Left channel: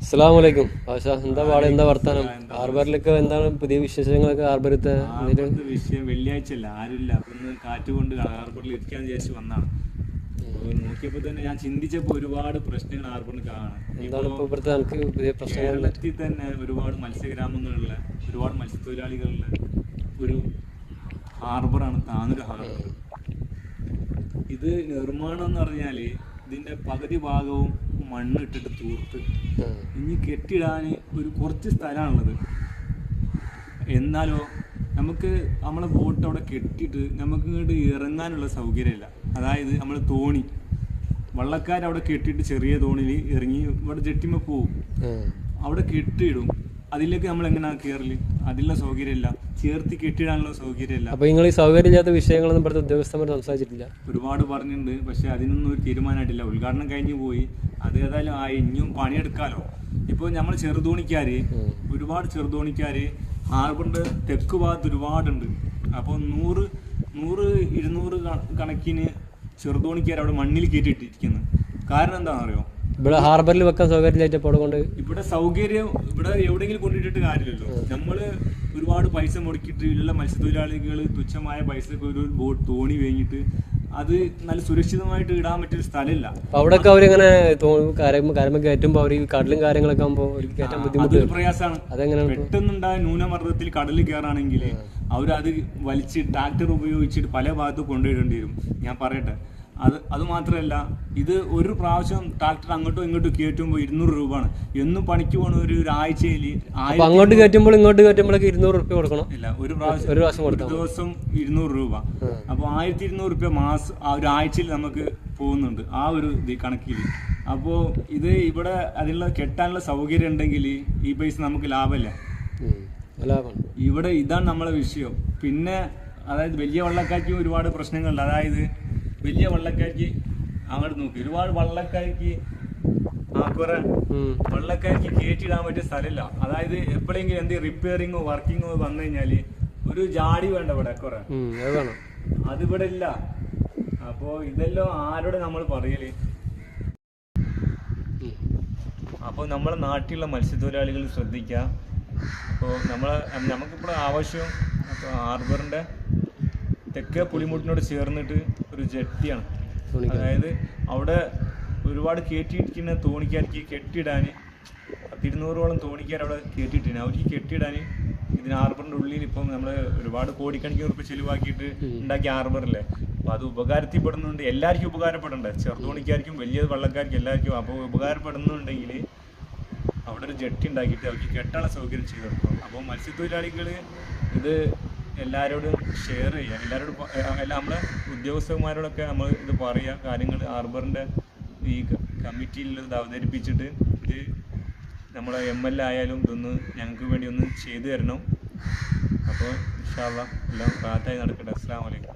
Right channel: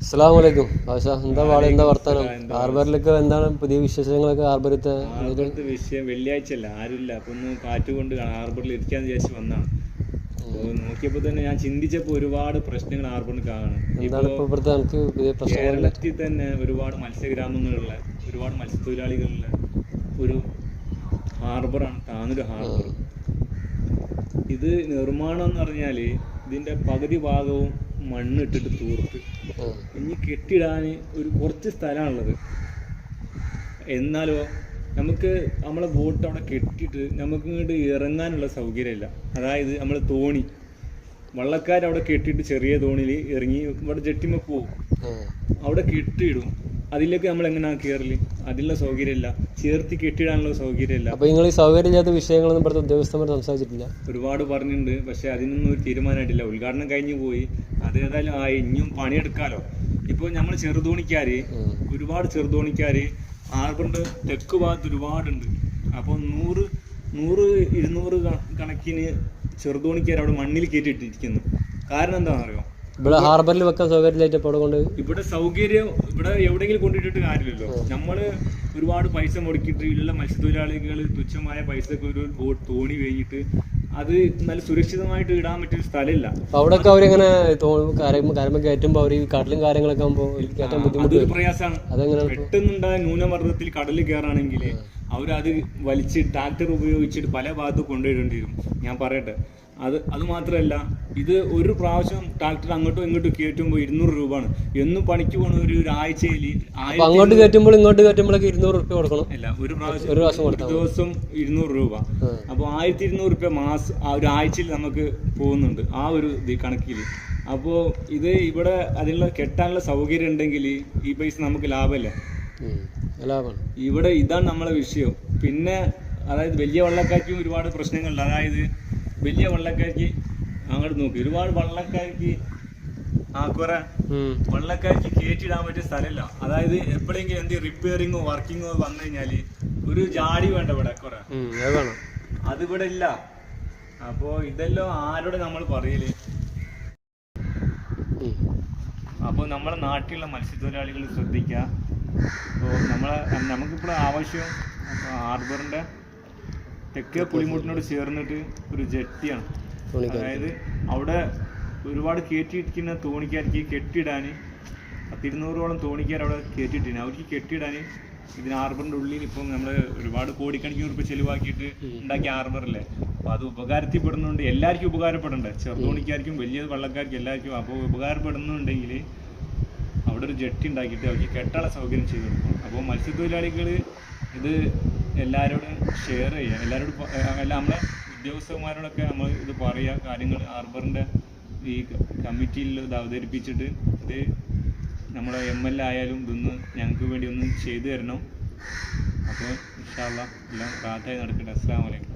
അസ്സലാമലൈക്കും. ആശ എന്താ പാടെ? എന്താ വർത്താനം? ഹാർബറിലൊക്കെ എന്താണ് പുതിയ വിശേഷങ്ങളൊക്കെ ഹാർബറിത്തെ വിഷയം വെള്ളിയാഴ്ച അല്ല ആരുമില്ല. അപ്പൊ ഒന്ന് കാറ്റ് കൊണ്ട് ഹാർബറിൽ ഇരിക്കാന്ന് വിചാരിച്ച് വന്നാണ് നോക്കിയപ്പോ തന്നെ ഞാൻ ചിന്തിച്ചപ്പോ ഒരുപാട് പ്രശ്നങ്ങൾ ഹാർബറിൽ കാണും പുതിയ കേരളത്തിൽ തന്നെ ഒരുപാട് മത്സ്യഗ്രാമങ്ങളുള്ള ഒരുപാട് മത്സ്യത്തൊഴിലാളികളുള്ള ഒരു ഹാർബറാണ് താനൂർ ഹാർബർ. ഇത് നിർമ്മാണം എന്ന് പറഞ്ഞാൽ ഇതിന്റെ പകുതി ഭാഗവും മണ്ണിട്ടിട്ട് തൂർത്ത്. ആ. ഇനി കെട്ടിടാൻ ഒരു കുറച്ച് സ്ഥലമാണുള്ളത് എന്നാലോ നമുക്ക് നമ്മളെ ബോട്ട് അവിടെ കെട്ടിയിട്ട് നമുക്ക് ഇങ്ങോട്ട് ഇറങ്ങാനുള്ള സൗകര്യമില്ല. അതായത് നമ്മൾ തോണി. വള്ളക്കാരവിടെ കെട്ടിയിട്ട് ചെറിയ തോണിയിൽ ഇറങ്ങി ഇവിടെ ജെട്ടിമ പോവും. അവിടെ കെട്ടിയിടും. അതിലേക്ക് നമ്മൾ എങ്ങനെയാണ് കയറൽ അതിനുള്ള സൗകര്യമില്ല. ചേർത്തി കെട്ടിയിടാനുള്ള സൗകര്യമില്ല. അപ്പൊ നിങ്ങൾ ഈ സൗകര്യമില്ലാത്ത വിഷയങ്ങളൊന്നും ഇവിടുത്തെ ഉദ്യോഗസ്ഥന്മാർ സംസാരിച്ചിട്ടില്ല? ഒരുപാട് പറഞ്ഞിട്ടുണ്ട്. പക്ഷെ അതിനൊന്നും ഒരു തീരുമാനമായിട്ടില്ല. ഉദ്ഘാടനം കഴിഞ്ഞു പോയി. അത് ഏതായാലും ആ ഇനിയും പണിയെടുക്കാലോ. ഇപ്പോൾ നമ്മൾ ചെറുതോണിക്കാര്. ഒരുപാട് ചെറുതോണിക്കാര് ഹാർബറിന്റെ തെക്ക് ഭാഗത്ത് ഒരുപാടുണ്ട്. അപ്പോൾ നൂറ് നൂറ് ഇരുന്നൂറ് കണക്കിന് ചെറുതോണിക്കാർ അവിടെ മണ്ണിൽ കയറ്റിട്ടിരിക്കുന്നു കാരണം എന്താണെന്ന് അറിയോ ഇവിടെ ഹാർബറിൽ വെക്കാൻ സൗകര്യമില്ലായിട്ട് ഇപ്പോൾ കൊണ്ട് ഇവിടെ സൗകര്യം ഇവിടെ എവിടെയെങ്കിലും കൊണ്ടിട്ടിട്ട് കാര്യമില്ലല്ലോ. നമ്മൾ ഒരുപാട് പൈസ മുടക്കിയിട്ട് ഉള്ള മത്സ്യത്തൊഴിലാളികൾ തുച്ഛമായ പൈസക്ക് ഒരു ബോട്ട് തോണി വേങ്ങിയിട്ട് അത് നല്ല സുരക്ഷിതമായിട്ട് ഇടാൻ പറ്റിയ സ്ഥലമില്ല. അവിടെ അവിടെയൊക്കെ അവരിങ്ങനെ കാര്യം കയറ്റുമ്പോൾ അവർ ഈ കടലും കാര്യങ്ങളൊക്കെ ആകുമ്പോൾ കയറ്റാൻ ബുദ്ധിമുട്ട് പ്രയാസമാണ് അതെങ്ങനെയാണ് പെട്ടെന്നുണ്ടായ ന്യൂനമർദ്ദത്തിൽ കടലിൽ കയറാണെങ്കിൽ അവരത് വലിച്ച് ട്രാക്ടർ ഉപയോഗിച്ചിട്ട് പല ഭാഗത്തും കൊണ്ടുവരേണ്ടി വരും ഞാൻ പറയട്ടെ. അത് അത് മാത്രമല്ല ഇത് ഒരു പ്രാവശ്യം ട്രാക്ടർ അങ്ങോട്ടും ഇങ്ങോട്ടും കയറ്റുമ്പോൾ ഇരുന്നൂറ് രൂപയാണ്. എന്നും പണിക്ക് പോകണ ഒരു ആഴ്ചയിൽ അങ്ങോട്ട് കയറ്റുമ്പോൾ ഇങ്ങോട്ട് കയറ്റുമ്പോഴൊക്കെ ഇരുന്നൂറ് രൂപ കൊടുക്കണം. ഇല്ല ഒരു പ്രാവശ്യം ഒരു പ്രാവശ്യം ഒരു ദിവസം ഇരുന്നൂറ് രൂപ. അപ്പോൾ ആയിരത്തി ഇരുന്നൂറ് രൂപ മാസം ആ ഒരു ആഴ്ചയിൽ നമുക്ക് പോകുന്നുണ്ട്. ആ ഒരു ഇത് കണക്കിൽ. അപ്പോൾ ഇത് ഇവിടെ അതിനുള്ള കെട്ടാനുള്ള സൗകര്യം ഉണ്ടെങ്കിൽ ഈ പൈസ നമുക്ക് ലാഭമില്ല? ഇവിടെ ഇതാണ് നമ്മളെ വിഷയം. പിന്നെ അതായത് വലിയ വള്ളക്കാർക്കും ഒരുപാട് പ്രശ്നങ്ങളുണ്ട്. അതായത് വലിയ വള്ളക്കാർക്ക് അങ്ങോട്ട് നോക്കി. ഒരുപാട് വള്ളക്കാർക്ക് ആ കുറെ ഉം. വള്ളക്കാർക്ക് കയറ്റിടാൻ പറ്റിയ സ്ഥലമില്ല. അതായത് എപ്പോഴെങ്കിലും എന്ത് റിപ്പയറിങ്ങോ വർക്കിങ്ങോ വന്നു കഴിഞ്ഞാൽ ഒരു ജാടി വേണ്ട ഇവിടെ കുറെ. അതിവിടെ ഇല്ല. അപ്പോ ഇതെല്ലാം ആരോട് നമ്മൾ പറയൽ? അപ്പൊ അപ്പോൾ നമ്മളെ നാട്ടിലുള്ള മത്സ്യത്തൊഴിലാളികൾ ശ്രദ്ധിക്കുക അപ്പോൾ നമ്മളെ നമുക്കിപ്പോൾ ആവശ്യം അപ്പോൾ ഹാർബറിന്റെ തെക്കേ പുലിമുട്ടിനോട് ചേർന്നിട്ട് ഒരു ജെട്ടിയാണ്. അതായത് അവിടെ ഒരുപാട് കയറ്റിയിരിക്കുന്ന തോണിക്കാർക്ക് കെട്ടിയിടാൻ പത്തിരുന്നൂറോളം തോണിക്കാർ അവിടെ കയറ്റിയിട്ടിന്. അവർക്ക് കെട്ടിയിടാൻ ഇതിന് ആർബറിന്റെ ഉള്ളിൽ ഇപ്പം നമ്മൾ ഒരുപാട് കോടിക്കണക്കിന് ഉറുപ്പ് ചെലവാക്കിയിട്ട് ഉണ്ടാക്കിയ ആർബറല്ലേ? അപ്പോൾ അത് ഉപകാരത്തിൽപ്പെടുന്നുണ്ട്. എല്ലാവർക്കും ഉപകാരപ്പെടണ്ടേ ചെറുതോണിക്കാർക്കും വലിയ വള്ളക്കാർക്കും എല്ലാവർക്കും അപ്പോൾ ഉപകാരപ്പെടുന്നുണ്ടെങ്കിൽ അവിടെ ഒരു ജെട്ടി ഉണ്ടാക്കിയിട്ട് അവർക്ക് കെട്ടാനുള്ള സൗകര്യം ചെയ്തു കൊടുക്കണം. അപ്പോൾ മത്സ്യത്തൊഴിലാളികൾ ഇത് എല്ലാവരോടും ഷെയർ ചെയ്യുക എല്ലാവരോടും എല്ലാ നമ്മളെ ഉദ്യോഗസ്ഥന്മാരോടൊക്കെ നമ്മൾ ഇത് പറയുക കാര്യങ്ങൾ ഹാർബറിന്റെ ഈ കമ്മിറ്റിയിൽ ഇത് അവതരിപ്പിച്ചിട്ട് ഇത് നമ്മുടെ എം എൽ എ ആയാലും ഇതൊന്ന് ഞങ്ങൾക്ക് വേണ്ടി ഒന്ന് ചെയ്തു തരണം. അപ്പോൾ ഇൻഷാല്ല എല്ലാം റാത്തായി നടക്കട്ടെ. അസ്സാം വലൈക്കും